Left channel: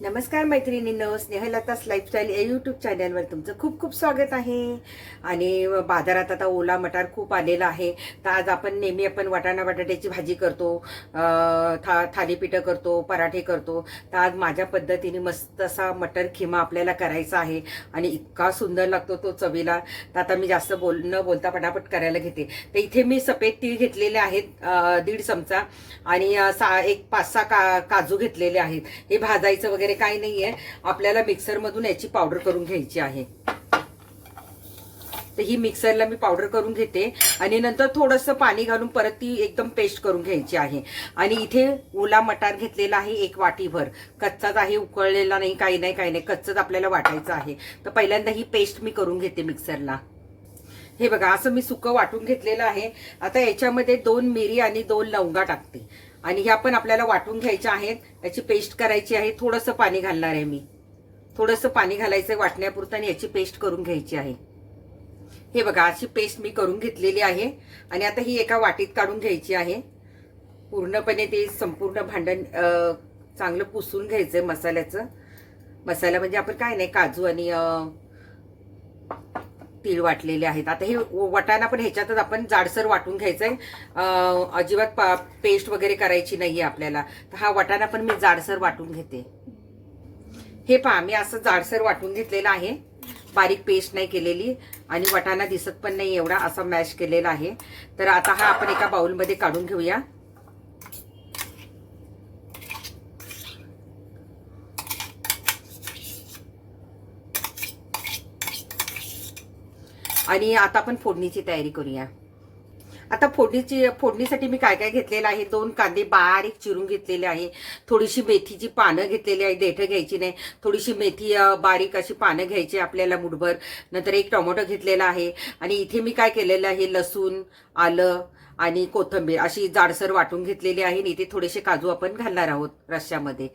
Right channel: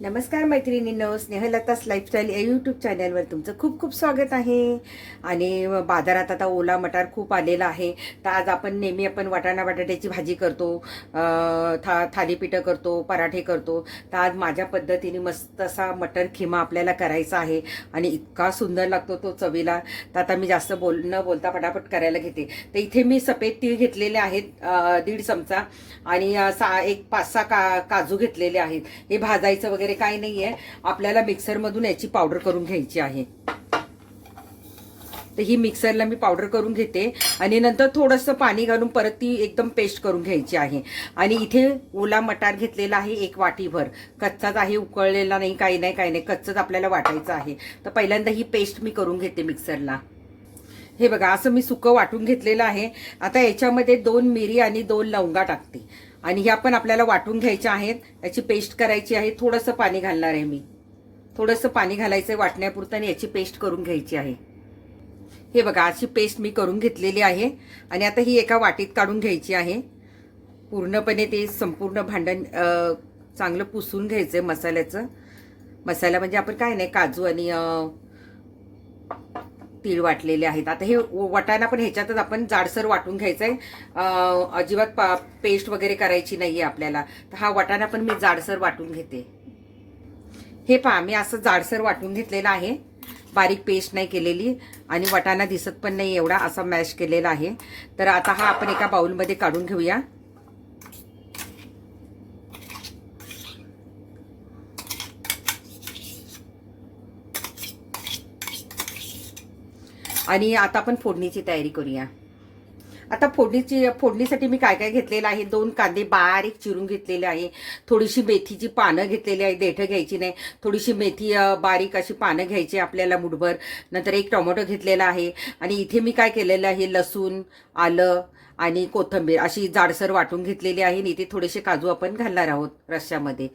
नमस्कार मैत्रिणींनो, स्नेहलता's लाईफस्टाईल या यूट्यूब चॅनलवर तुमचं खूप खूप स्वागत आहे. आणि बाजारात आता ओला मटार खूप आलेला आहे. तर आज आपण नेहमी वाटाणा बटाट्याची भाजी करतो, थालीपीठं करतो, पराठे करतो. तर आज माझ्या पद्धतीने मस्त असा मटर खिमा आपल्याला करायचा आहे आणि इतका सुंदर लागतो तो चवीला. तर आता मी जास्त न बोलता पटापट करायला घेते. तर इथे मी सफेद तीळ घेतलेले आहेत 1.5 चमचा आणि एक 5-6 काजू घेतलेले आहेत. हे भाजायचं वगैरे काही नाहीये, आपल्याला मिक्सर मधून याची पावडर करून घ्यायची आहे. तर ही मिक्सरला मी पावडर करून घेते आणि नंतर थोडंसं पाणी घालून परत ती एकदम पेस्ट करून घ्यायची आहे. आणि इथे ओला मटार घेतलेला आहे 1 वाटीभर, कच्चाच आहे, उकळलेला नाही, काही नाही, कच्चच आपल्याला वाटायचं आहे. तर पहिल्यांदा ही पेस्ट मी करून घेते मिक्सरला. हे बघा, असं मी सुकं वाटून घेतलेलं आहे. आता याच्यामध्ये 2 मिरी आणि 2 लवंगा टाकते आणि ह्या पण आपल्याला वाटून घ्यायच्या आहेत. याची पेस्ट करायची आहे. थोडंसं पाणी घालणार आहे मी, थोडंसं पाणी घालायचं वाटण्यापुरतं आणि याची पेस्ट करून घ्यायची आहे. हे बघा, अशी पेस्ट मी करून घेतलेली आहे आणि आता ही एका वाटीत काढून घ्यायची आहे. पूर्णपणे ते संपूर्ण भांडण चांगलं पुसून घ्यायचंय मसाल्याचं. मसाला म्हणजे आपण काय नाही, काजू आणि तीळ वाटलेले आहेत. आता हे वाटाणा पण ह्याच्यातच आपण जाडसर वाटून घ्यायचंय, अजिबात पेस्ट वगैरे करायची नाहीये आपल्याला. तर हा वाटाणा पण मी जाडसर वाटून घेते. हे पहा, मी असं जाडसर वाटून घेतलेलं आहे, बारीक पेस्ट नाही केलेली आणि वाटाणा दिसत पण नाही एवढा, असा मॅश केलेला आहे. तर आता हा आपण एका बाउलमध्ये काढून घेऊया. आणि आता आपण फोडणीची तयारी करूया. आता फोडणीसाठी मी काय काय घेतलेलं आहे, 2 कांदे बारीक चिरून घेतलेले आहे, थोडीशी मेथीची पानं घेतलेली आहे, देठं घ्यायची नाही, थोडीशी मेथी बारीक अशी पानं घ्यायची आपल्याला मुठभर. नंतर 1 टोमॅटो घेतलेला आहे आणि इथे मी काय केलेलं आहे, लसूण, आलं आणि कोथिंबीर अशी जाडसर वाटून घेतलेली आहे. आणि इथे थोडेसे काजू आपण घालणार आहोत रश्श्यामध्ये.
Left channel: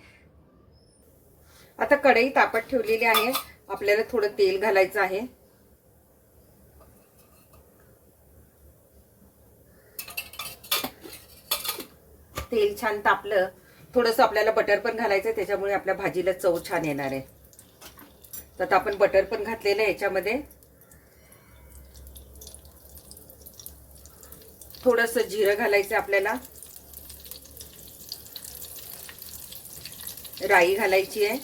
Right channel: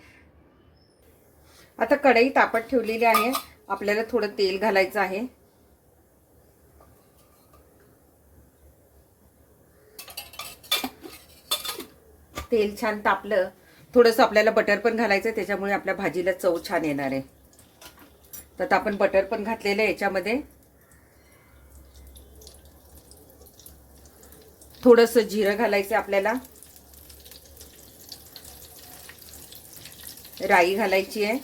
आता कढई तापत ठेवलेली आहे, आपल्याला थोडं तेल घालायचं आहे. तेल छान तापलं, थोडंसं आपल्याला बटर पण घालायचं, त्याच्यामुळे आपल्या भाजीला चव छान येणार आहे. तर आता आपण बटर पण घातलेलं आहे याच्यामध्ये. थोडंसं जिरं घालायचं आपल्याला, राई घालायची आहे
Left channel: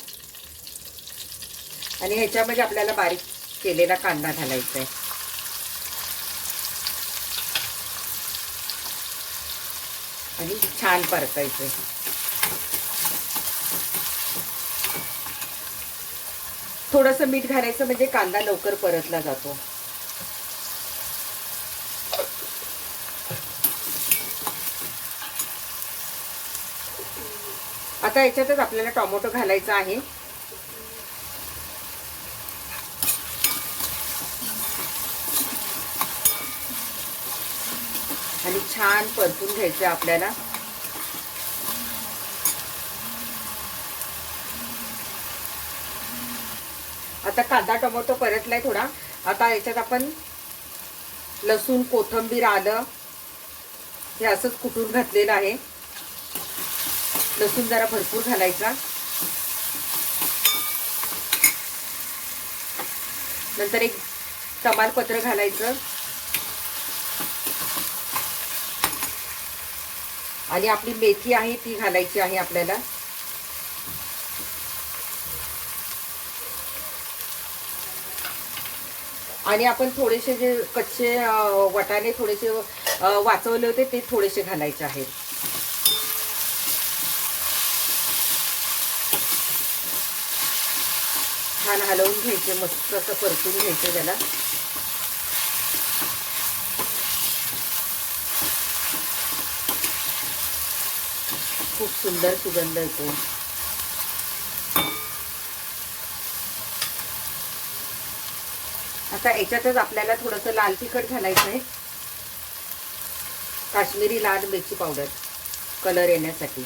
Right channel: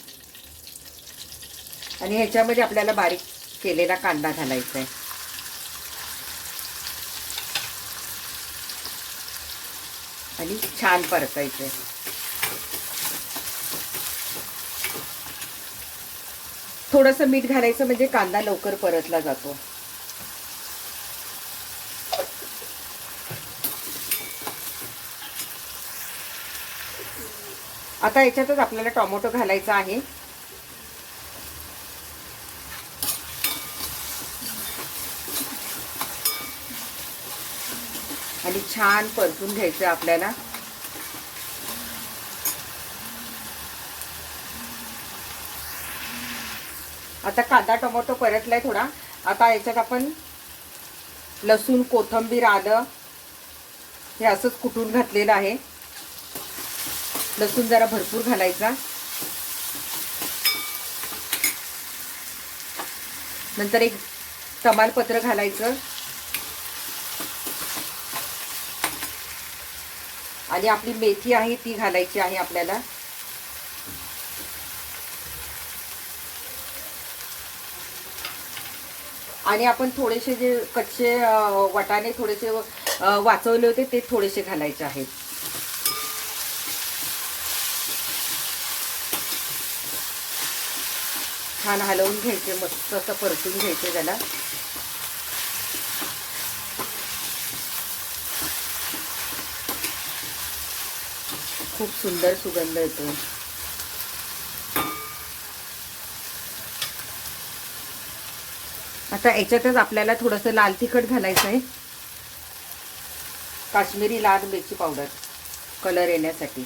आणि ह्याच्यामध्ये आपल्याला बारीक केलेला कांदा घालायचा आहे. आणि छान परतायचंय. थोडंसं मीठ घालायचं म्हणजे कांदा लवकर परतला जातो. आता याच्यातच आपल्याला टोमॅटो घालायचा आहे. आणि छान परतून घ्यायचं आपल्याला. आता कांदा टोमॅटो परतलाय थोडा. आता याच्यात आपण लसूण, कोथिंबीर, आलं हे असंच कुटून घातलेलं आहे. लसूण जरा भरपूर घालायचा. नंतर 1 तमालपत्र घालायचं आणि आपली मेथी आहे ती घालायची आहे आपल्याला. आणि आपण थोडेसे जे कच्चे वाटाणे थोडेसे वाचवले होते ते थोडेसे घालायचे आहेत. छान हलवून घ्यायचे, मस्त असं परतून घ्यायचे त्याला. खूप सुंदर सुगंध येतो. आता याच्यातच आपल्याला थोडंसं लाल तिखट घालायचं आहे, काश्मीरी लाल मिरची पावडर कलर येण्यासाठी.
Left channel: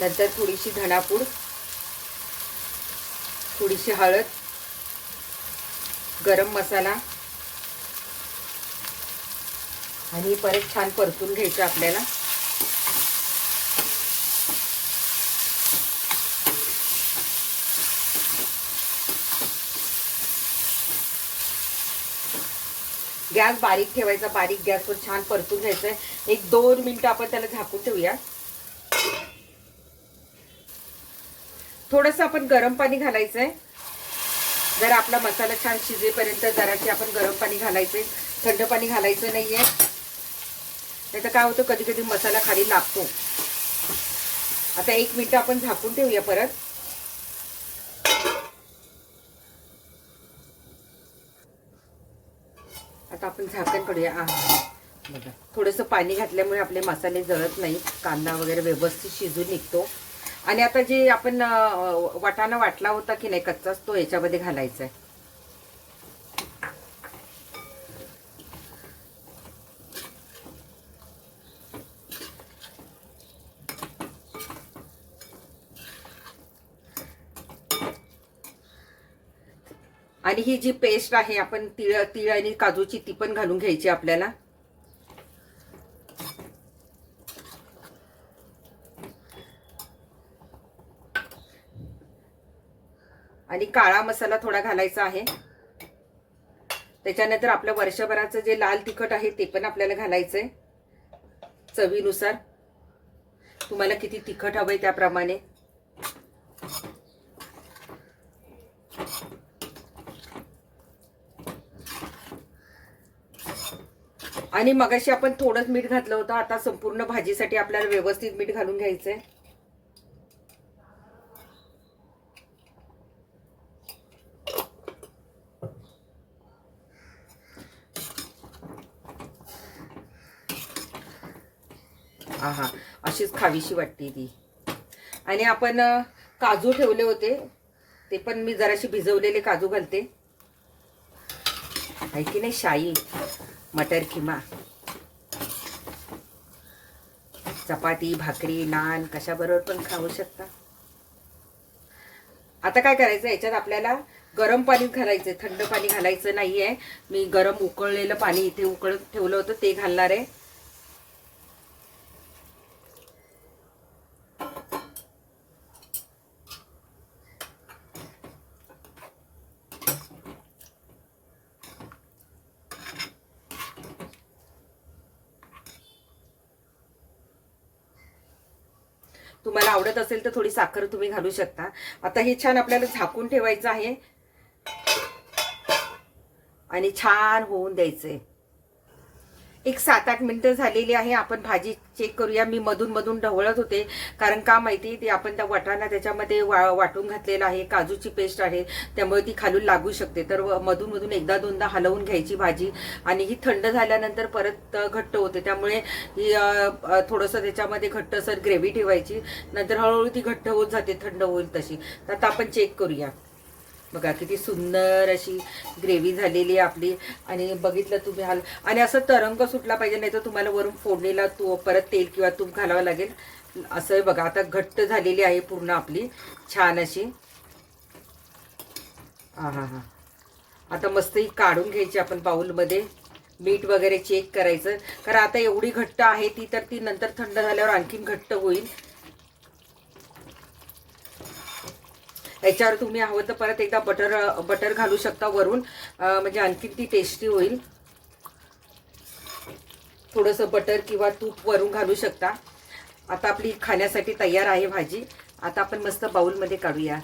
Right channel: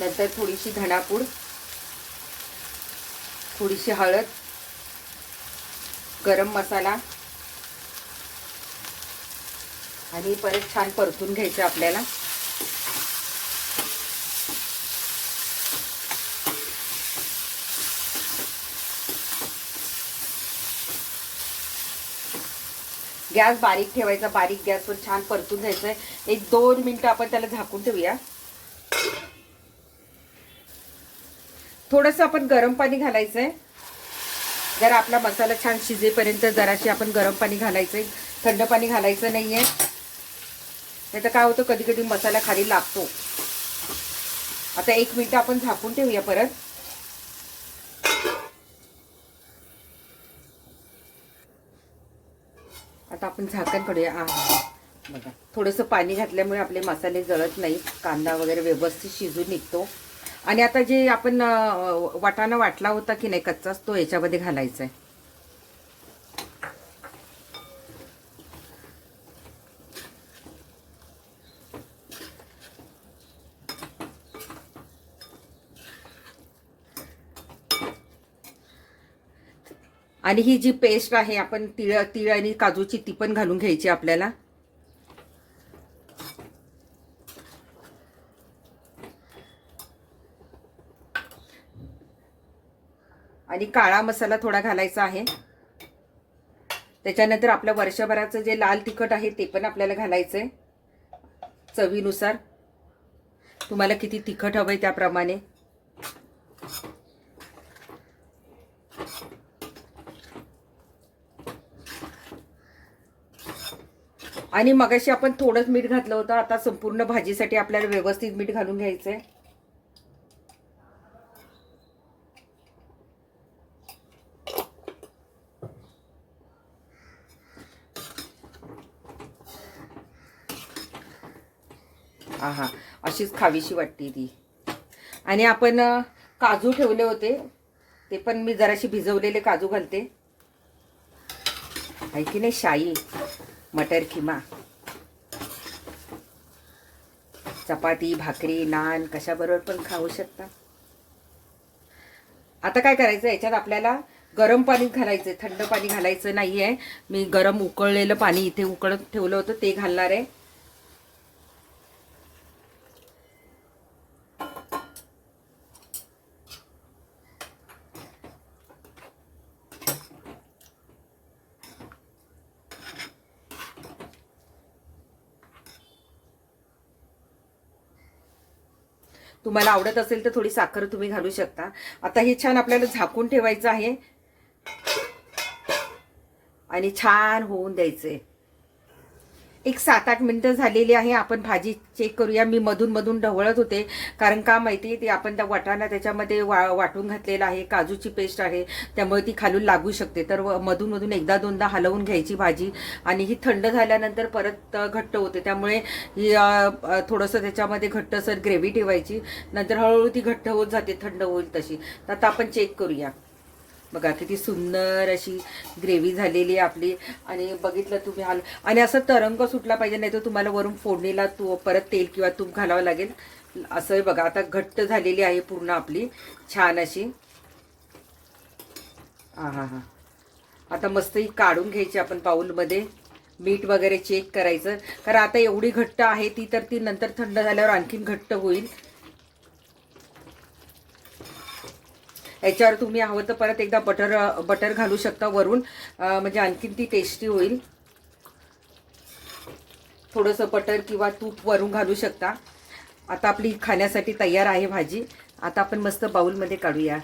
नंतर थोडीशी धणापूड, थोडीशी हळद, गरम मसाला आणि परत छान परतून घ्यायचं आपल्याला. गॅस बारीक ठेवायचा, बारीक गॅसवर छान परतून घ्यायचंय. 1-2 मिनिटं आपण त्याला झाकून ठेवूया. थोडंसं आपण गरम पाणी घालायचंय. जर आपला मसाला छान शिजेपर्यंत जराशी आपण गरम पाणी घालायचंय, थंड पाणी घालायचं नाहीये. नाही तर काय होतं, कधी कधी मसाला खाली लागतो. आता 1 मिनिट आपण झाकून ठेवूया परत. आता आपण झाकण काढूया. बघा, थोडंसं पाणी घातल्यामुळे आपले मसाले जळत नाहीत, कांदा वगैरे व्यवस्थित शिजून निघतो. आणि आता जे आपण वाटाणा वाटला होता की नाही कच्चाच, तो याच्यामध्ये घालायचा आहे. आणि ही जी पेस्ट आहे आपण तीळ आणि काजूची, ती पण घालून घ्यायची आपल्याला. आणि काळा मसाला थोडा घालायचा आहे. त्याच्यानंतर आपलं वर्षभराचं जे लाल तिखट आहे ते पण आपल्याला घालायचंय चवीनुसार. तुम्हाला किती तिखट हवंय त्याप्रमाणे. आणि मगाशी आपण थोडंच मीठ घातलं होतं. आता संपूर्ण भाजीसाठी आपल्याला व्यवस्थित मीठ घालून घ्यायचंय. आहा, अशीच खावीशी वाटते ती. आणि आपण काजू ठेवले होते, ते पण मी जराशी भिजवलेले काजू घालते. आहे की नाही, शाही मटर किमा. चपाती, भाकरी, नान कशाबरोबर पण खाऊ शकता. आता काय करायचं, याच्यात आपल्याला गरम पाणी घालायचं, थंड पाणी घालायचं नाहीये. मी गरम उकळलेलं पाणी इथे उकळत ठेवलं होतं ते घालणार आहे. तुम्हाला आवडत असेल तर थोडी साखर तुम्ही घालू शकता. आता हे छान आपल्याला झाकून ठेवायचं आहे आणि छान होऊन द्यायचंय. एक 7-8 मिनिटं झालेली आहे. आपण भाजी चेक करूया. मी मधून मधून ढवळत होते, कारण का माहिती, ते आपण त्या वाटाणा त्याच्यामध्ये वाटून घातलेला आहे, काजूची पेस्ट आहे, त्यामुळे ती खालून लागू शकते. तर मधून मधून 1-2दा हलवून घ्यायची भाजी. आणि ही थंड झाल्यानंतर परत घट्ट होते, त्यामुळे थोडंसं त्याच्यामध्ये घट्टसर ग्रेव्ही ठेवायची. नंतर हळूहळू ती घट्ट होत जाते, थंड होईल तशी. तर आता आपण चेक करूया. बघा किती सुंदर अशी ग्रेव्ही झालेली आहे आपली. आणि बघितलं तुम्ही आणि असं तरंग सुटला पाहिजे, नाही तर तुम्हाला वरून फोडणीला परत तेल किंवा तूप घालावं लागेल. असं बघा, आता घट्ट झालेली आहे पूर्ण आपली छान अशी. हा. आता मस्त ही काढून घ्यायची आपण बाउलमध्ये. मीठ वगैरे चेक करायचं, कारण आता एवढी घट्ट आहे ती, तर ती नंतर थंड झाल्यावर आणखीन घट्ट होईल. याच्यावर तुम्ही हवं तर परत एकदा बटर घालू शकता वरून, म्हणजे आणखीन ती टेस्टी होईल. थोडंसं बटर किंवा तूप वरून घालू शकता. आता आपली खाण्यासाठी तयार आहे भाजी. आता आपण मस्त बाउलमध्ये काढूया.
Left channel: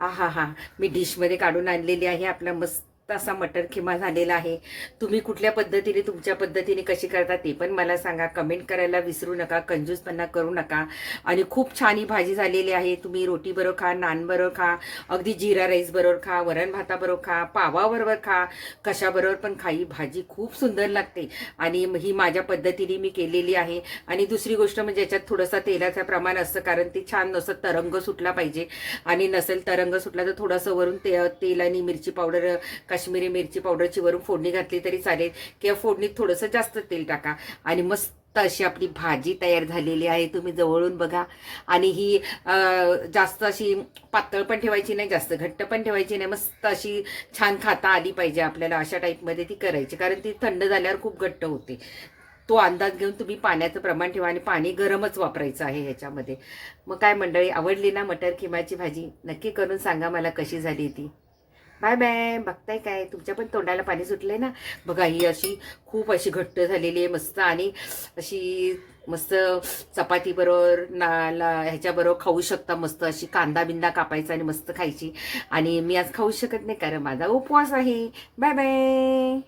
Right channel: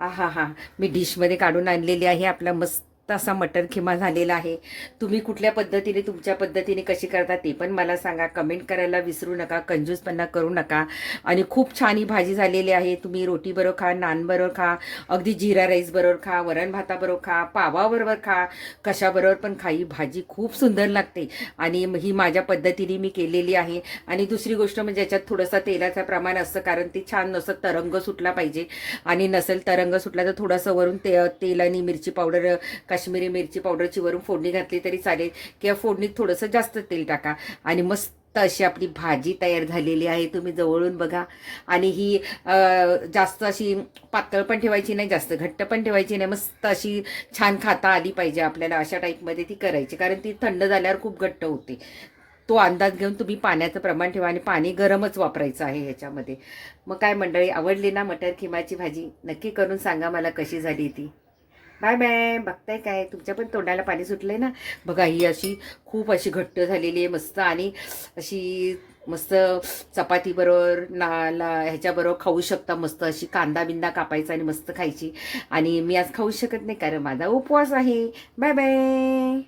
हा, मी डिशमध्ये काढून आणलेली आहे. आपला मस्त असा मटर खिमा झालेला आहे. तुम्ही कुठल्या पद्धतीने, तुमच्या पद्धतीने कशी करता ते पण मला सांगा. कमेंट करायला विसरू नका, कंजूसपणा करू नका. आणि खूप छान ही भाजी झालेली आहे. तुम्ही रोटी बरोबर खा, नान बरोबर खा, अगदी जिरा राईस बरोबर खा, वरण भाताबरोबर खा, पावाबरोबर खा, कशाबरोबर पण खा. ही भाजी खूप सुंदर लागते आणि ही माझ्या पद्धतीने मी केलेली आहे. आणि दुसरी गोष्ट म्हणजे याच्यात थोडंसं तेलाचं प्रमाण असतं, कारण ती छान नसं तरंग सुटला पाहिजे. आणि नसेल तरंग सुटला तर थोडंसं वरून तेल आणि मिरची पावडर, काश्मीरी मिरची पावडरची वरून फोडणी घातली तरी चालेल, किंवा फोडणीत थोडंसं जास्त तेल टाका. आणि मस्त अशी आपली भाजी तयार झालेली आहे. तुम्ही जवळून बघा. आणि ही जास्त अशी पातळ पण ठेवायची नाही, जास्त घट्ट पण ठेवायची नाही. मस्त अशी छान खाता आली पाहिजे आपल्याला, अशा टाईपमध्ये ती करायची, कारण ती थंड झाल्यावर खूप घट्ट होते. तो अंदाज घेऊन तुम्ही पाण्याचं प्रमाण ठेवा. आणि पाणी गरमच वापरायचं आहे ह्याच्यामध्ये. मग काय मंडळी, आवडली ना मटर खिमाची भाजी? नक्की करून सांगा मला कशी झाली ती. Bye bye. बघताय काय, तुमच्या पण तोंडाला पाणी सुटलंय ना. बघा ही अशी खूप अशी घट्ट झालेली आहे मस्त, आणि अशी मस्त चपाती बरोबर ह्याच्याबरोबर खाऊ शकता. मस्त अशी कांदा बिंदा कापायचा आणि मस्त खायची. आणि मी आज खाऊ शकत नाही कारण माझा उपवास आहे. Bye bye.